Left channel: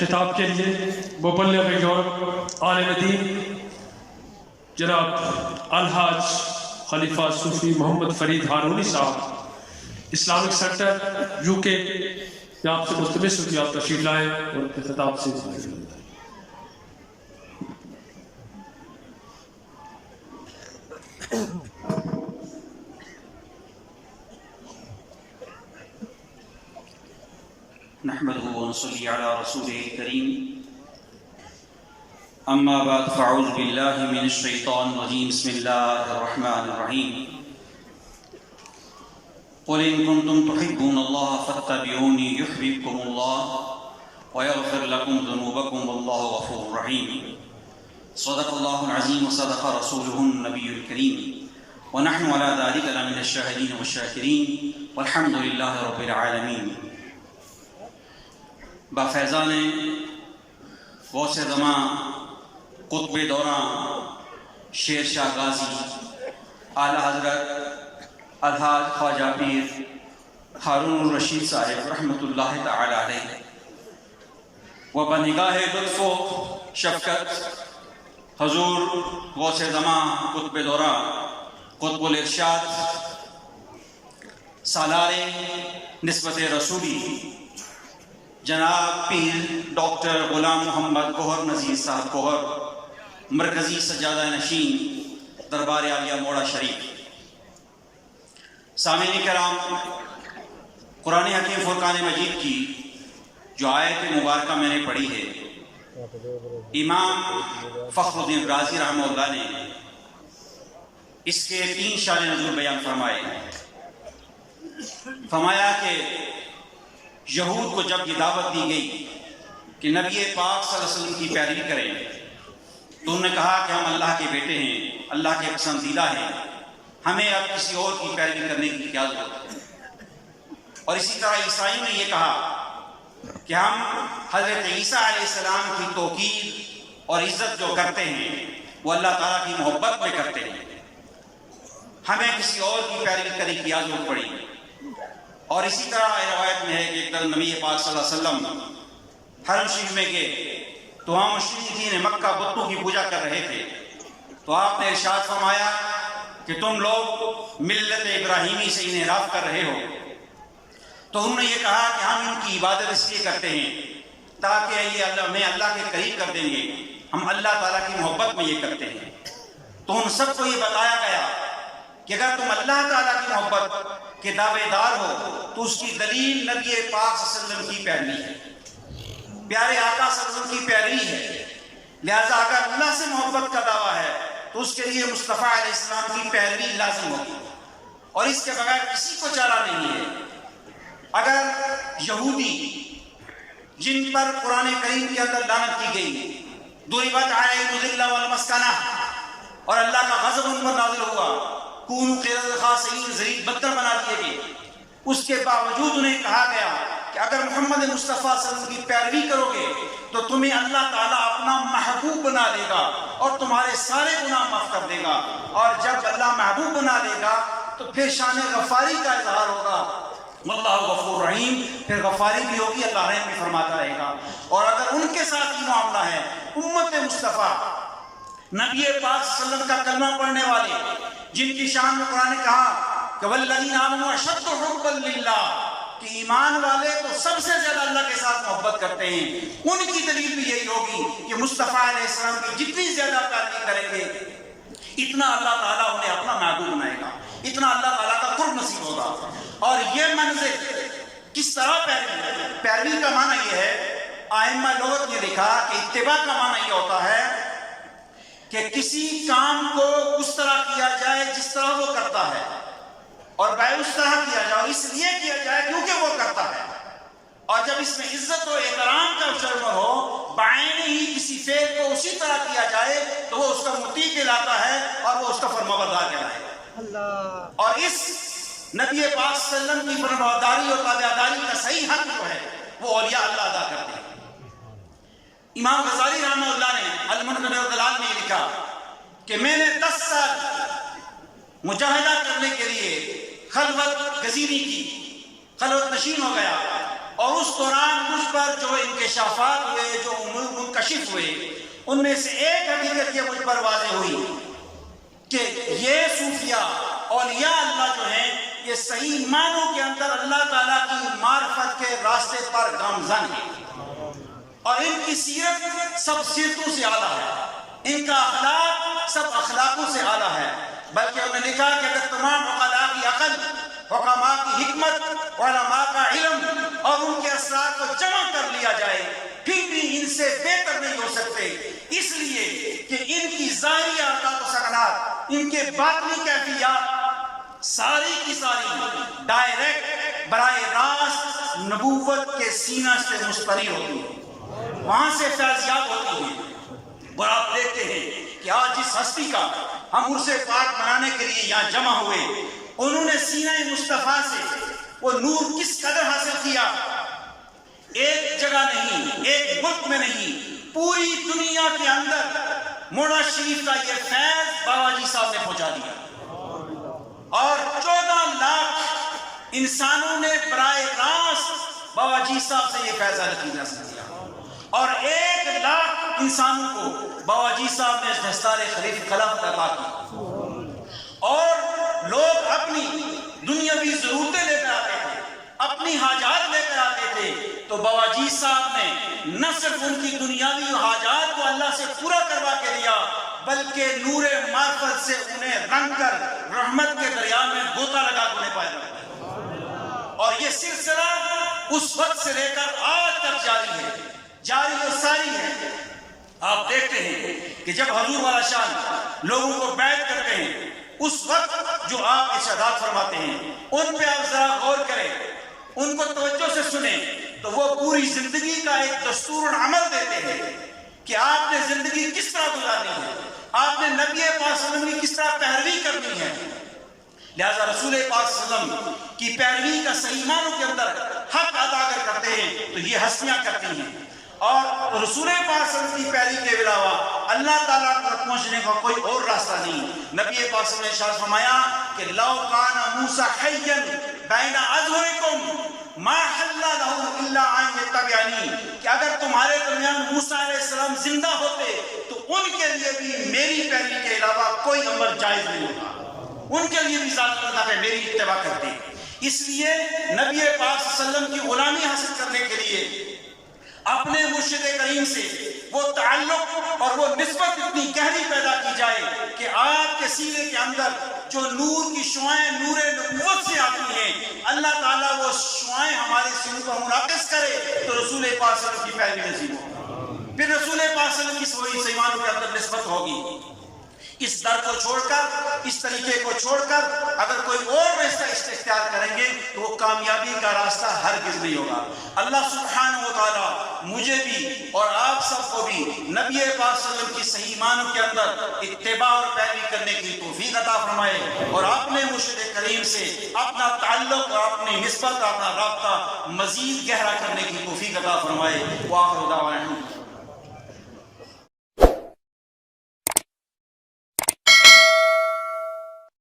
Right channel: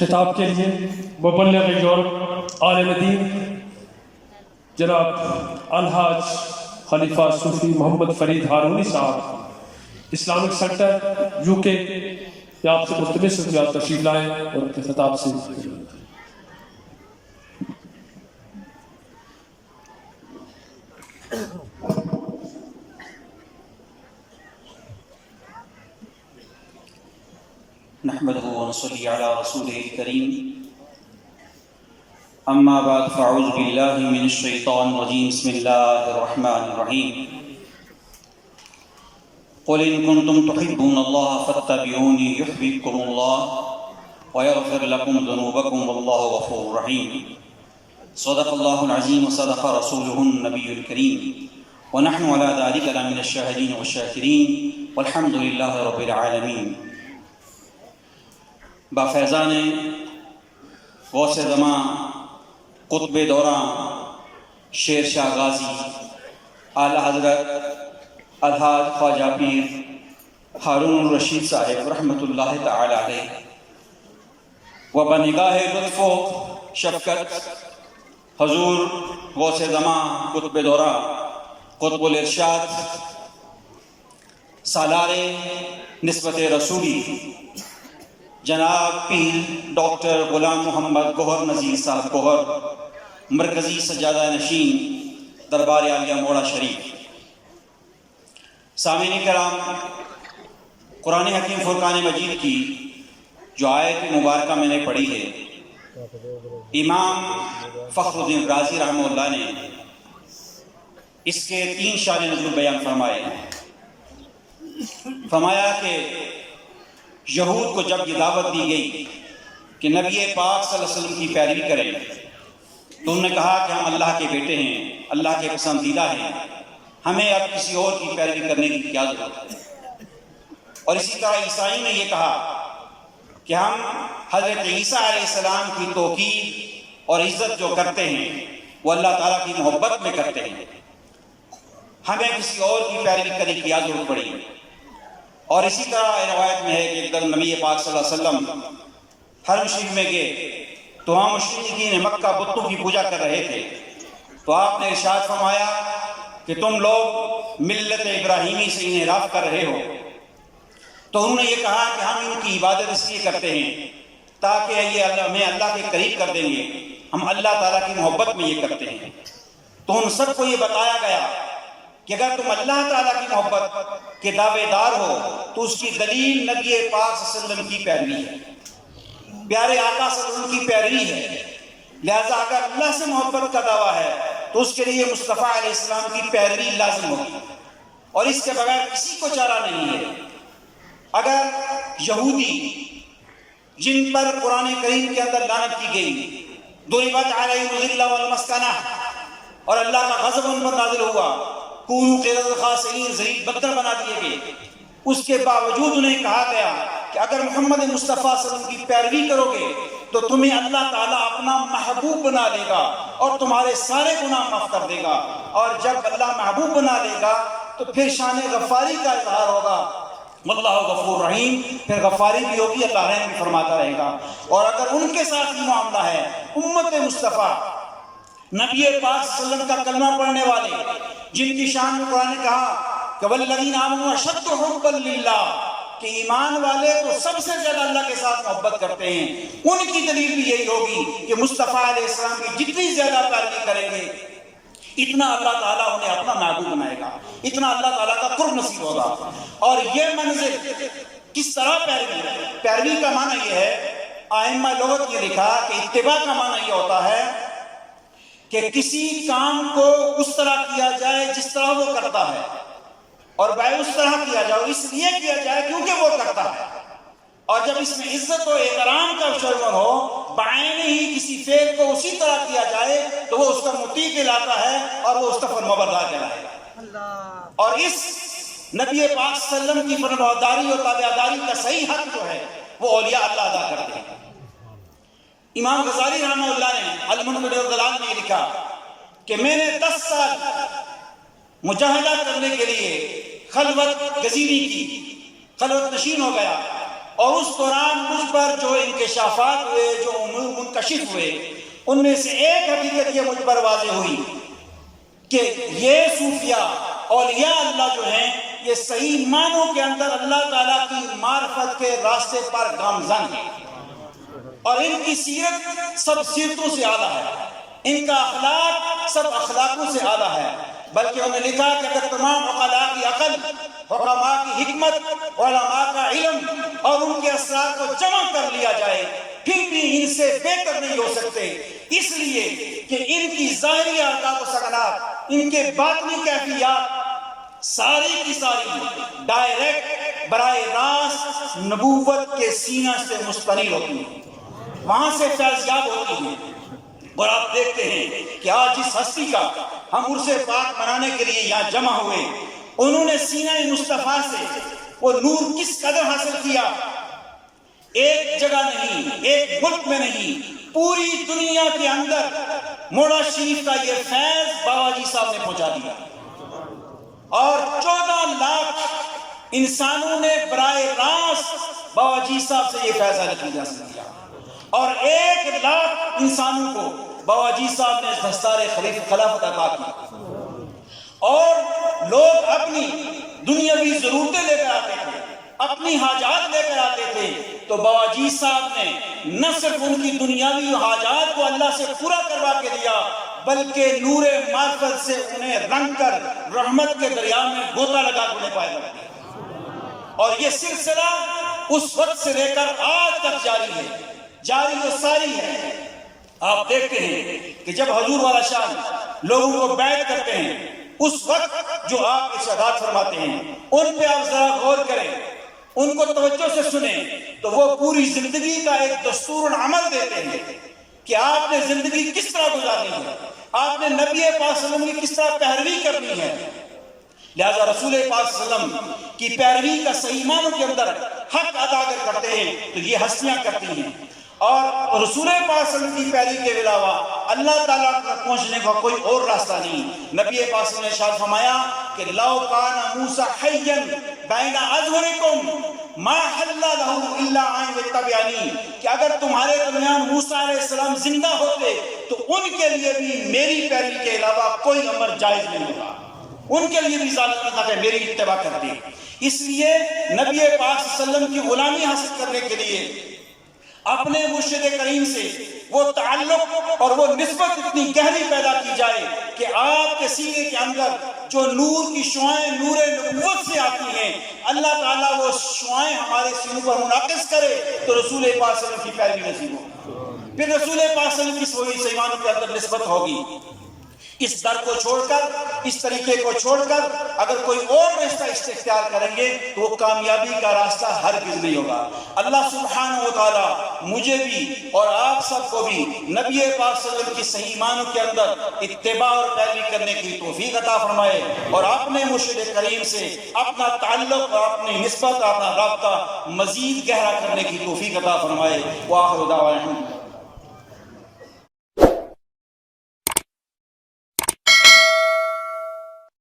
خطاب کے لیے مبلغ یورپ عالم دین جناب الحاج خلیفہ صوفی محمد فرید ہارونی صاحب اسلامک سینٹر UK یا آپ سے ملتمس ہوں کہ آپ تشریف لائیں اور ان کے خطاب سے نحمده ونصلي على رسوله الكريم أما بعد فأعوذ بالله من الشيطان الرجيم بسم الله الرحمن الرحيم قل إن كنتم تحبون الله فاتبعوني يحببكم الله ويغفر لكم ذنوبكم والله غفور رحيم صدق الله العظيم وصدق رسوله النبي الكريم ونحن على ذلك لمن الشاهدين والشاكرين والحمد لله رب العالمين. بافیضان غوث زمان قطب دوران شیر شاہ غازی اعلیٰ حضرت الحاج خواجہ پیر ہارون الرشید صاحب رحمۃ اللہ تعالی علیہ و بنگاہ لطف و شفقت حضور غوث زمان قطب دوران قطب الارشاد سالار نسبت رسولی جناب پیر ڈاکٹر غلام محمد گوہر نذیر صاحب گوہر مرکزی سجادہ نشین دربار عالیہ موڑا شریف. سامعین کرام، قرآن حکیم فرقان مجید کی جو آیت مبارکہ میں نے پڑھی ہے، امام فخر الدین رازی رحمہ اللہ نے اس کے 3 شان نزول بیان فرمائے. فرمایا کہ یہود کو جب یہ دعوت دی گئی کہ نبی پاک صلی اللہ علیہ وسلم کی پیروی کریں تو انہوں نے کہا کہ ہم اللہ کے بیٹے ہیں، اللہ کے پسندیدہ ہیں، ہمیں اب کسی اور کی پیروی کرنے کی کیا ضرورت ہے. اور اسی طرح عیسائی نے یہ کہا کہ ہم حضرت عیسیٰ علیہ السلام کی توقیر اور عزت جو کرتے ہیں وہ اللہ تعالیٰ کی محبت میں کرتے ہیں، ہمیں کسی اور کی پیروی کرنے کی کیا ضرورت پڑی. اور اسی طرح روایت میں ہے کہ ایک دم نبی پاک صلی اللہ علیہ وسلم حرم شریف میں گئے تو وہاں مشرکین مکہ بتوں کی پوجا کر رہے تھے، تو آپ نے ارشاد فرمایا کہ تم لوگ ملت ابراہیمی سے انحراف کر رہے ہو. تو انہوں نے یہ کہا کہ ہم ان کی عبادت اس لیے کرتے ہیں تاکہ یہ ہمیں اللہ کے قریب کر دیں گے، ہم اللہ تعالیٰ کی محبت میں یہ کرتے ہیں. تو ان سب کو یہ بتایا گیا کہ اگر تم اللہ تعالیٰ کی محبت کے دعوے دار ہو تو اس کی دلیل نبی پاک صلی اللہ علیہ وسلم کی پیروی ہے، پیارے آقا صلی اللہ علیہ وسلم کی پیروی ہے. لہذا اگر اللہ سے محبت کا دعویٰ ہے تو اس کے لیے مصطفیٰ علیہ السلام کی پیروی لازم ہوگی، اور اس کے بغیر کسی کو چارہ نہیں ہے. اگر یہودی جن پر قرآن کریم کے اندر لعنت کی گئی، ضربت علیہم الذلہ والمسکنہ، اور اللہ کا غضب ان پر نازل ہوا، کونوا قردۃ خاسئین، ذلیل بدتر بنا دیے گئے، اس کے باوجود انہیں کہا گیا کہ اگر محمد مصطفیٰ صلی اللہ علیہ وسلم کی پیروی کرو گے تو تمہیں اللہ تعالیٰ اپنا محبوب بنا لے گا اور تمہارے سارے گناہ معاف کر دے گا. اور جب اللہ محبوب بنا لے گا تو پھر شان غفاری کا اظہار ہوگا، واللہ غفور رحیم، پھر غفاری بھی ہوگی، اللہ رحم بھی فرماتا رہے گا. اور اگر ان کے ساتھ یہ معاملہ ہے، امت مصطفیٰ نبی پاک صلی اللہ علیہ وسلم کا کلمہ پڑھنے والے جن کی شان میں قرآن نے کہا کہ والذین آمنوا اشد حبا للہ، کہ ایمان والے تو سب سے زیادہ اللہ کے ساتھ محبت کرتے ہیں، ان کی دلیل بھی یہی ہوگی کہ مصطفیٰ علیہ السلام کی جتنی زیادہ پیروی کریں گے اتنا اللہ تعالیٰ انہیں اپنا محبوب بنائے گا، اتنا اللہ تعالیٰ کا قرب نصیب ہوگا. اور یہ منزل کس طرح پیروی کا معنی یہ ہے، ائمہ لغت یہ لکھا کہ اتباع کا معنی یہ ہوتا ہے کہ کسی کام کو اس طرح کیا جائے جس طرح وہ کرتا ہے، اور بھائی اس طرح کیا جائے اس لیے کیا جائے کیونکہ وہ کرتا ہے. اور جب اس میں عزت و احترام کا شعور ہو، بعین ہی کسی فعل کو اسی طرح کیا جائے تو وہ اس کا مطیع کہلاتا ہے اور وہ اس کا فرمانبردار کہلائے گا. اور اس نبی پاک صلی اللہ علیہ وسلم کی فرمانبرداری اور تابعداری کا صحیح حق جو ہے وہ اولیاء اللہ ادا کرتے ہیں. امام غزالی رحمہ اللہ نے المنبر والدلال میں لکھا کہ میں نے 10 سال مجاہدہ کرنے کے لیے خلوت گزینی کی، خلوت نشین ہو گیا اور اس دوران مجھ پر جو انکشافات ہوئے، جو امور منکشف ہوئے، ان میں سے ایک حقیقت یہ مجھ پر واضح ہوئی کہ یہ صوفیہ اولیاء اللہ جو ہیں، یہ صحیح معنوں کے اندر اللہ تعالیٰ کی معرفت کے راستے پر گامزن ہیں، اور ان کی سیرت سب سیرتوں سے اعلیٰ ہے، ان کا اخلاق سب اخلاقوں سے اعلیٰ ہے۔ بلکہ انہوں نے لکھا کہ اگر تمام عقلاء کی عقل، حکماء کی حکمت، علماء کا علم اور ان کے اسرار کو جمع کر لیا جائے، پھر بھی ان سے بہتر نہیں ہو سکتے، اس لیے کہ ان کی ظاہری عادات و سکنات، ان کے باطنی کیفیات ساری کی ساری ڈائریکٹ براہ راست نبوت کے سینہ سے مستقل ہوتی ہیں، وہاں سے فیضیاب ہوتی ہیں۔ اور آپ دیکھتے ہیں کہ آج جس ہستی کا ہم عرس پاک منانے کے لیے یہاں جمع ہوئے، انہوں نے سینہ مصطفیٰ سے وہ نور کس قدر حاصل کیا، ایک جگہ نہیں، ایک ملک میں نہیں، پوری دنیا کے اندر موڑا شریف کا یہ فیض بابا جی صاحب نے پہنچا دیا، اور 14 لاکھ انسانوں نے براہ راست بابا جی صاحب سے یہ فیض حاصل کیا، اور 1 لاکھ انسانوں کو بابا جی صاحب نے دستار خلافت عطا کی، اور لوگ اپنی دنیاوی ضرورتیں لے کر آتے تھے، اپنی حاجات لے کر آتے تھے، تو بابا جی صاحب نے نہ صرف ان کی دنیاوی حاجات کو اللہ سے پورا کروا کے دیا، بلکہ نور معرفت سے انہیں رنگ کر رحمت کے دریا میں غوطہ لگا کے انہیں پائے گا، اور یہ سلسلہ اس وقت سے لے کر آج تک جاری ہے، جاری و ساری ہے۔ آپ دیکھتے ہیں کہ جب حضور والا شان لوگوں کو بیعت کرتے ہیں، اس وقت جو آپ ارشادات فرماتے ہیں ان پہ آپ ذرا غور کریں، ان کو توجہ سے سنیں، تو وہ پوری زندگی کا ایک دستور عمل دیتے ہیں کہ آپ نے زندگی کس طرح گزارنی ہے، آپ نے نبی پاک صلی اللہ علیہ وسلم کی کس طرح پیروی کرنی ہے۔ لہذا رسول پاک صلی اللہ علیہ وسلم کی پیروی کا صحیح معنوں کے اندر حق ادا کرتے ہیں تو یہ ہستیاں کرتی ہیں، اور رسول پاک صلی اللہ علیہ وسلم کی پیروی کے علاوہ اللہ تعالیٰ تک پہنچنے کا کوئی اور راستہ نہیں۔ نبی پاک صلی اللہ علیہ وسلم نے ارشاد فرمایا کہ لو کان موسیٰ حیا بین اظہرکم ما حل لہ الا ان یتبعنی، کہ اگر تمہارے درمیان موسیٰ علیہ السلام زندہ ہوتے تو ان کے لیے بھی میری پیروی کے علاوہ کوئی امر جائز نہیں ہوگا، ان کے لیے بھی ذات پہ میری اتباع کرتے۔ اس لیے نبی پاک صلی اللہ علیہ وسلم کی غلامی حاصل کرنے کے لیے اپنے مرشد کریم سے وہ تعلق اور وہ نسبت اتنی گہری پیدا کی جائے کہ آپ کے سینے کے اندر جو نور کی شعائیں نور نبوت سے آتی ہیں، اللہ تعالیٰ وہ شعائیں ہمارے سینوں پر منعکس کرے تو رسول پاک صلی اللہ علیہ وسلم کی پیروی نصیب ہو، پھر رسول پاک صلی اللہ علیہ وسلم کی سیمانوں کے اندر نسبت ہوگی۔ اس در کو چھوڑ کر، اس طریقے کو چھوڑ کر اگر کوئی اور راستہ اختیار کریں گے تو وہ کامیابی کا راستہ ہرگز نہیں ہوگا۔ اللہ سبحانہ و تعالی مجھے بھی اور آپ سب کو بھی نبی پاک صلی اللہ علیہ وسلم کی صحیح معنوں کے اندر اتباع اور پیروی کرنے کی توفیق عطا فرمائے، اور اپنے مرشد کریم سے اپنا تعلق اور اپنی نسبت اور اپنا رابطہ مزید گہرا کرنے کی توفیق عطا فرمائے۔ وآخر دعوانا